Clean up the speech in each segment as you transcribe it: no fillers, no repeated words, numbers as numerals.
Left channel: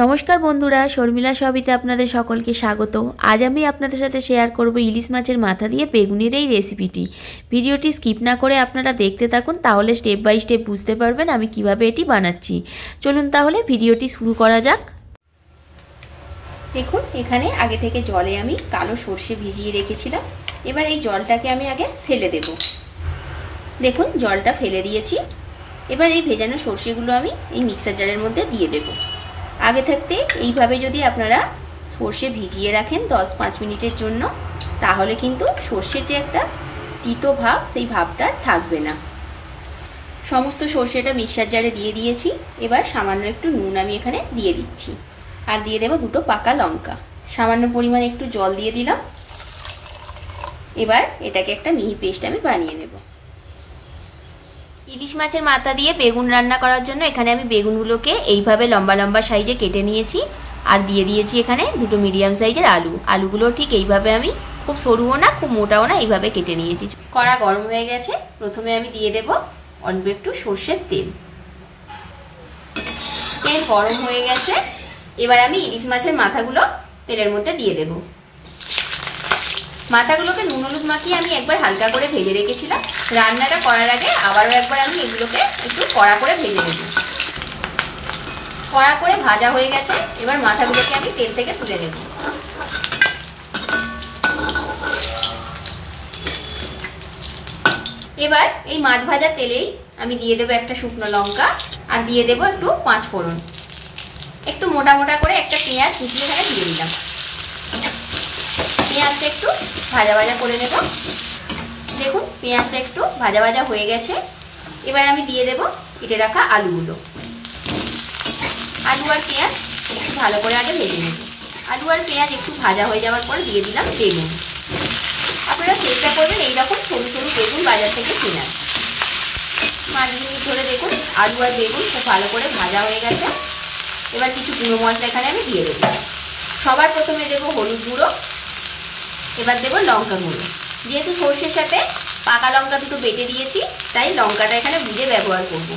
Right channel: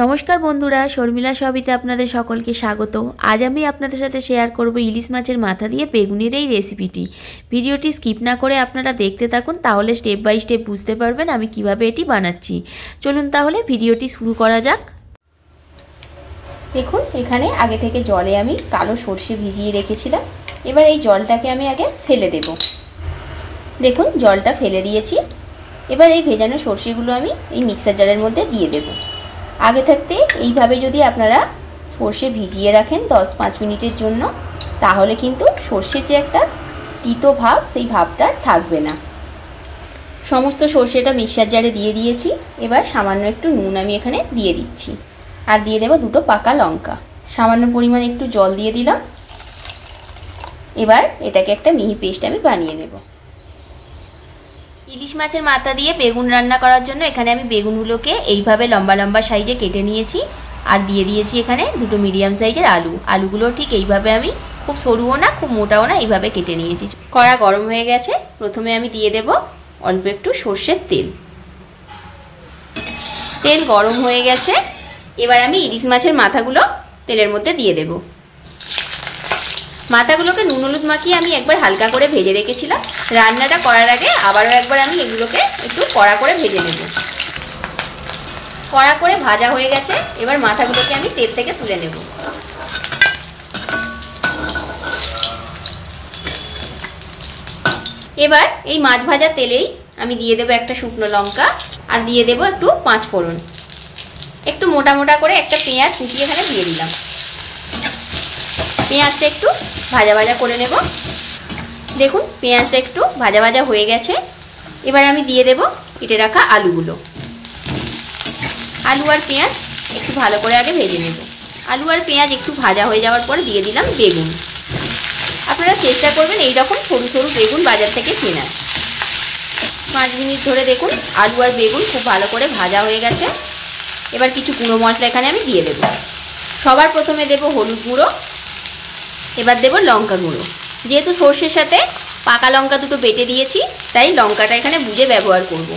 নমস্কার বন্ধুরা, শর্মিলা সবিতে আপনাদের সকলকে স্বাগত। আজ আমি আপনাদের সাথে শেয়ার করব ইলিশ মাছের মাথা দিয়ে বেগুনের এই রেসিপিটি। ভিডিওটি স্কিপ না করে আপনারা দেখতে থাকুন, তাহলে স্টেপ বাই স্টেপ বুঝতে পারবেন আমি কিভাবে এটি বানাচ্ছি। চলুন তাহলে ভিডিওটি শুরু করা যাক। দেখুন, এখানে আগে থেকে জলে আমি কালো সর্ষে ভিজিয়ে রেখেছিলাম। এবার এই জলটাকে আমি আগে ফেলে দেব। দেখুন, জলটা ফেলে দিয়েছি। এবার এই ভেজানো সর্ষেগুলো আমি এই মিক্সার জারের মধ্যে দিয়ে দেবো। আগে থাকতে এইভাবে যদি আপনারা সর্ষে ভিজিয়ে রাখেন 10-5 মিনিটের জন্য, তাহলে কিন্তু সর্ষের যে একটা তিতো ভাব, সেই ভাবটা থাকবে না। সমস্ত সর্ষেটা মিক্সার জারে দিয়ে দিয়েছি। এবার সামান্য একটু নুন আমি এখানে দিয়ে দিচ্ছি, আর দিয়ে দেবো 2টো পাকা লঙ্কা। সামান্য পরিমাণ একটু জল দিয়ে দিলাম। এবার এটাকে একটা মিহি পেস্ট আমি বানিয়ে নেব। ইলিশ মাছের মাথা দিয়ে বেগুন রান্না করার জন্য এখানে আমি বেগুনগুলোকে এইভাবে লম্বা লম্বা সাইজে কেটে নিয়েছি, আর দিয়ে দিয়েছি এখানে 2টো মিডিয়াম সাইজের আলু। আলুগুলো ঠিক এইভাবে আমি খুব সরুও না খুব মোটাও না, এইভাবে কেটে নিয়েছি। কড়া গরম হয়ে গেছে। প্রথমে আমি দিয়ে দেব অল্প একটু সর্ষের তেল। তেল গরম হয়ে গেছে। এবার আমি ইলিশ মাছের মাথাগুলো তেলের মধ্যে দিয়ে দেব। মাথাগুলোকে নুন হলুদ মাখিয়ে আমি একবার হালকা করে ভেজে রেখেছিলাম। রান্নাটা করার আগে আবারও একবার আমি এগুলোকে একটু কড়া করে ভেজে নেব। কড়া করে ভাজা হয়ে গেছে। এবার মাথাগুলোকে আমি তেল থেকে তুলে নেব। এবার এই মাছ ভাজা তেলেই আমি দিয়ে দেবো একটা শুকনো লঙ্কা, আর দিয়ে দেবো একটু 5 ফোড়ন। একটু মোটা মোটা করে একটা পেঁয়াজ কুচিয়ে এখানে দিয়ে দিলাম। পেঁয়াজটা একটু ভাজা ভাজা করে নেব। দেখুন, পেঁয়াজটা একটু ভাজা ভাজা হয়ে গেছে। এবার আমি দিয়ে দেব কেটে রাখা আলুগুলো। আলু আর পেঁয়াজ একটু ভালো করে আগে ভেজে নেব। আলু আর পেঁয়াজ একটু ভাজা হয়ে যাওয়ার পর দিয়ে দিলাম বেগুন। আপনারা চেষ্টা করবেন এইরকম সরু সরু বেগুন বাজার থেকে কেনার। 5 মিনিট ধরে দেখুন আলু আর বেগুন খুব ভালো করে ভাজা হয়ে গেছে। এবার কিছু গুঁড়ো মশলা এখানে আমি দিয়ে দেবো। সবার প্রথমে দেবো হলুদ গুঁড়ো। এবার দেবো লঙ্কা গুঁড়ো। যেহেতু সর্ষের সাথে পাকা লঙ্কা 2টো বেটে দিয়েছি, তাই লঙ্কাটা এখানে বুঝে ব্যবহার করব।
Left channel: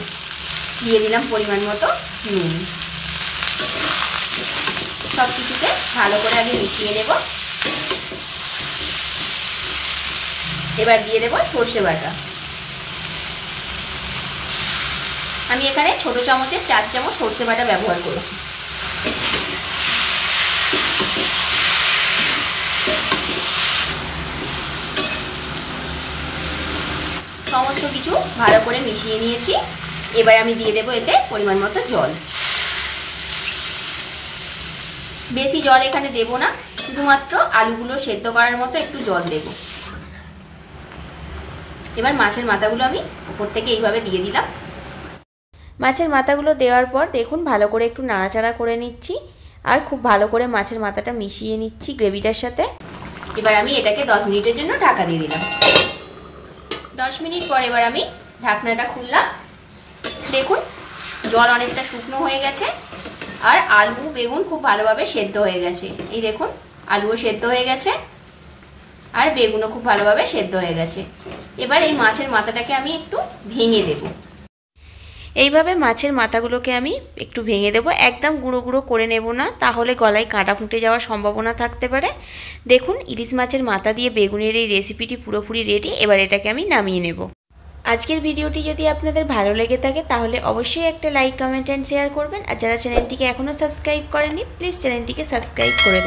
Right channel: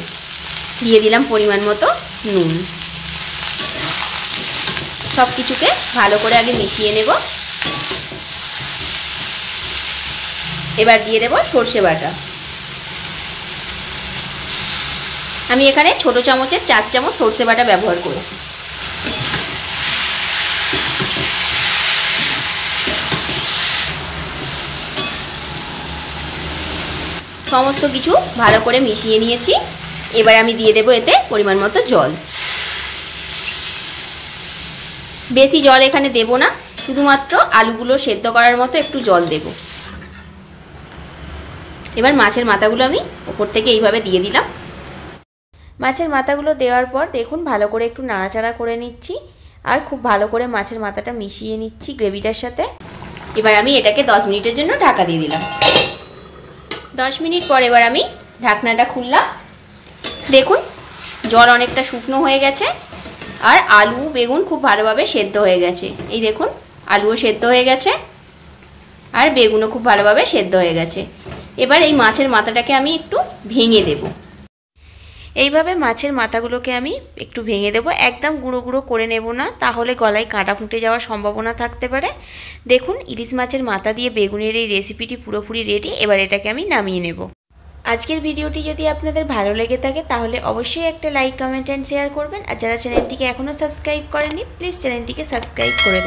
দিয়ে দিলাম পরিমাণ মতো নুন। সব কিছুকে ভালো করে আগে মিশিয়ে নেব। এবার দিয়ে দেবো সর্ষে বাটা। আমি এখানে ছোট চামচের 4 চামচ সর্ষে বাটা ব্যবহার করেছি। সমস্ত কিছু ভালো করে মিশিয়ে নিয়েছি। এবার আমি দিয়ে দেবো এতে পরিমাণ মতো জল। বেশি জল এখানে দেব না, শুধুমাত্র আলুগুলো সেদ্ধ করার মতো একটু জল দেব। এবার মাছের মাথাগুলো আমি উপর থেকে এইভাবে দিয়ে দিলাম। মাছের মাথাগুলো দেওয়ার পর দেখুন ভালো করে একটু নাড়াচাড়া করে নিচ্ছি, আর খুব ভালো করে মাছের মাথাটা মিশিয়ে নিচ্ছি গ্রেভিটার সাথে। এবার আমি এটাকে 10 মিনিটের জন্য ঢাকা দিয়ে দিলাম। 10 মিনিট পর এবার আমি ঢাকনাটা খুললাম। দেখুন, জল অনেকটা শুকনো হয়ে গেছে, আর আলু বেগুন খুব ভালোভাবে সেদ্ধ হয়ে গেছে। এই দেখুন, আলুও সেদ্ধ হয়ে গেছে, আর বেগুনও খুব ভালোভাবে সেদ্ধ হয়ে গেছে। এবার এই মাছের মাথাটাকে আমি একটু ভেঙে দেব। এইভাবে মাছের মাথাগুলোকে আমি একটু ভেঙে দেব। একদম গুঁড়ো গুঁড়ো করে নেব না, তাহলে গলায় কাঁটা ফুটে যাওয়ার সম্ভাবনা থাকতে পারে। দেখুন, ইলিশ মাছের মাথা দিয়ে বেগুনের এই রেসিপিটি পুরোপুরি রেডি। এবার এটাকে আমি নামিয়ে নেব। আজকের ভিডিওটি যদি আপনাদের ভালো লেগে থাকে তাহলে অবশ্যই একটা লাইক, কমেন্ট অ্যান্ড শেয়ার করবেন। আর যারা চ্যানেলটিকে এখনও সাবস্ক্রাইব করেনি, প্লিজ চ্যানেলটিকে সাবস্ক্রাইব করে দেবেন।